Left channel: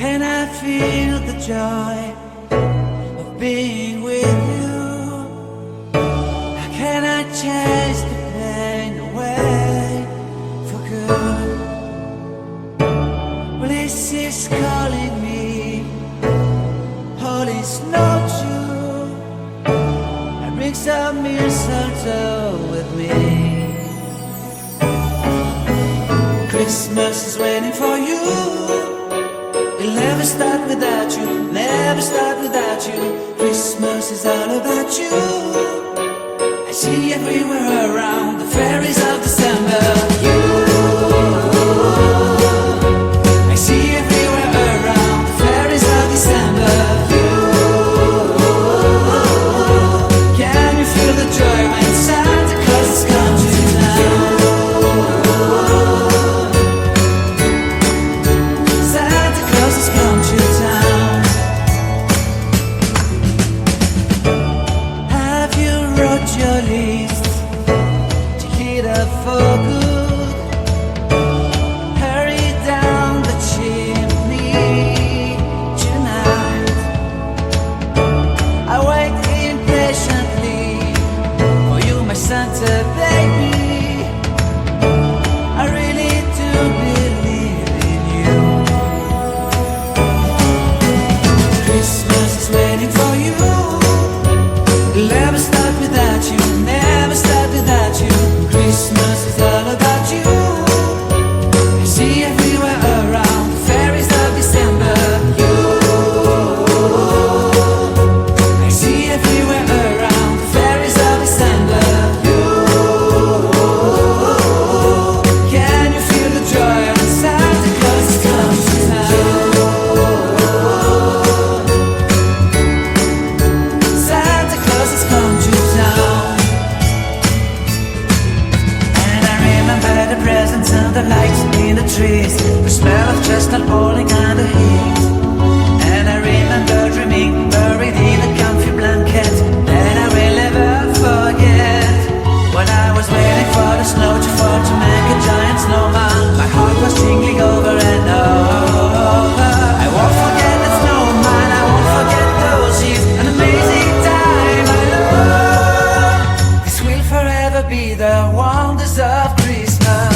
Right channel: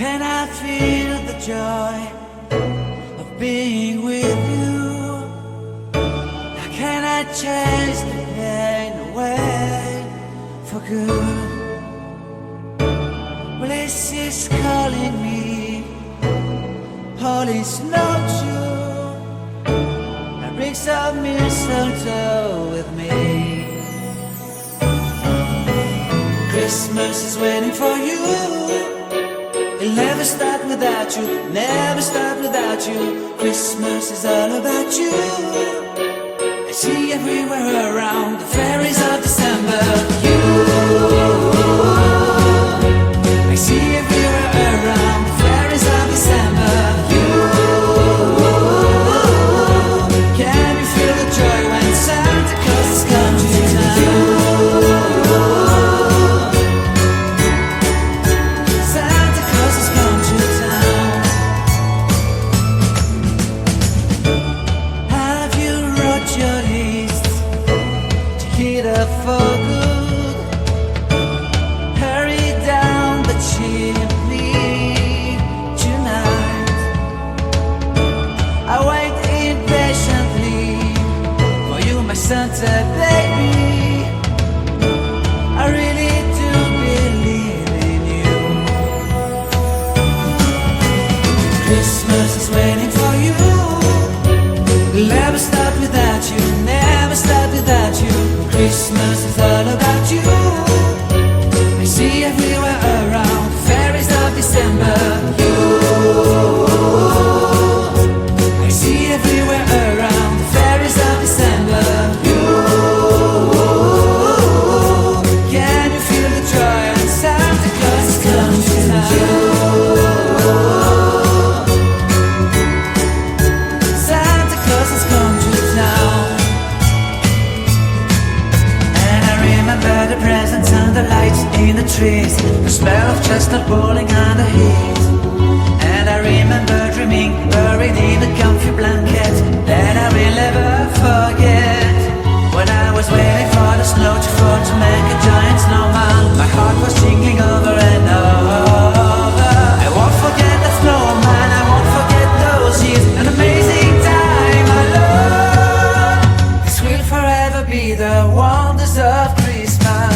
can I feel the joy of being with you? How can I chase the pain away for good? Well, this is calling me, all is not true. I bring some mistletoe with me. Christmas is waiting for you. It'll never start without you, never start without you. Christmas is all about you. I see everywhere around the fairies of December. You, I see everywhere around the fairies of December. You, can you feel the joy when Santa Claus has come to town? Santa Claus has come to town. Have you wrote your list? Check it up for good. Hurry down the chimney tonight. I wait impatiently for you, my Santa baby. I really do believe in you. Christmas is waiting for you. It'll never start without you, never start without you. Christmas is all about you. I see everywhere around the fairies of December. You, I see everywhere around the fairies of December. You, can you feel the joy when Santa Claus has come to town? Santa Claus has come to town. And I remember the presents and the lights in the trees, the smell of chestnut boiling under heat. And I remember dreaming, buried in a comfy blanket that I will never forget. When I was waiting for the snow to fall to make a giant snowman, my heart was jingling over and over. I won't forget that snowman, I won't forget those years, an amazing time I love. This will forever be the wonders of Christmas.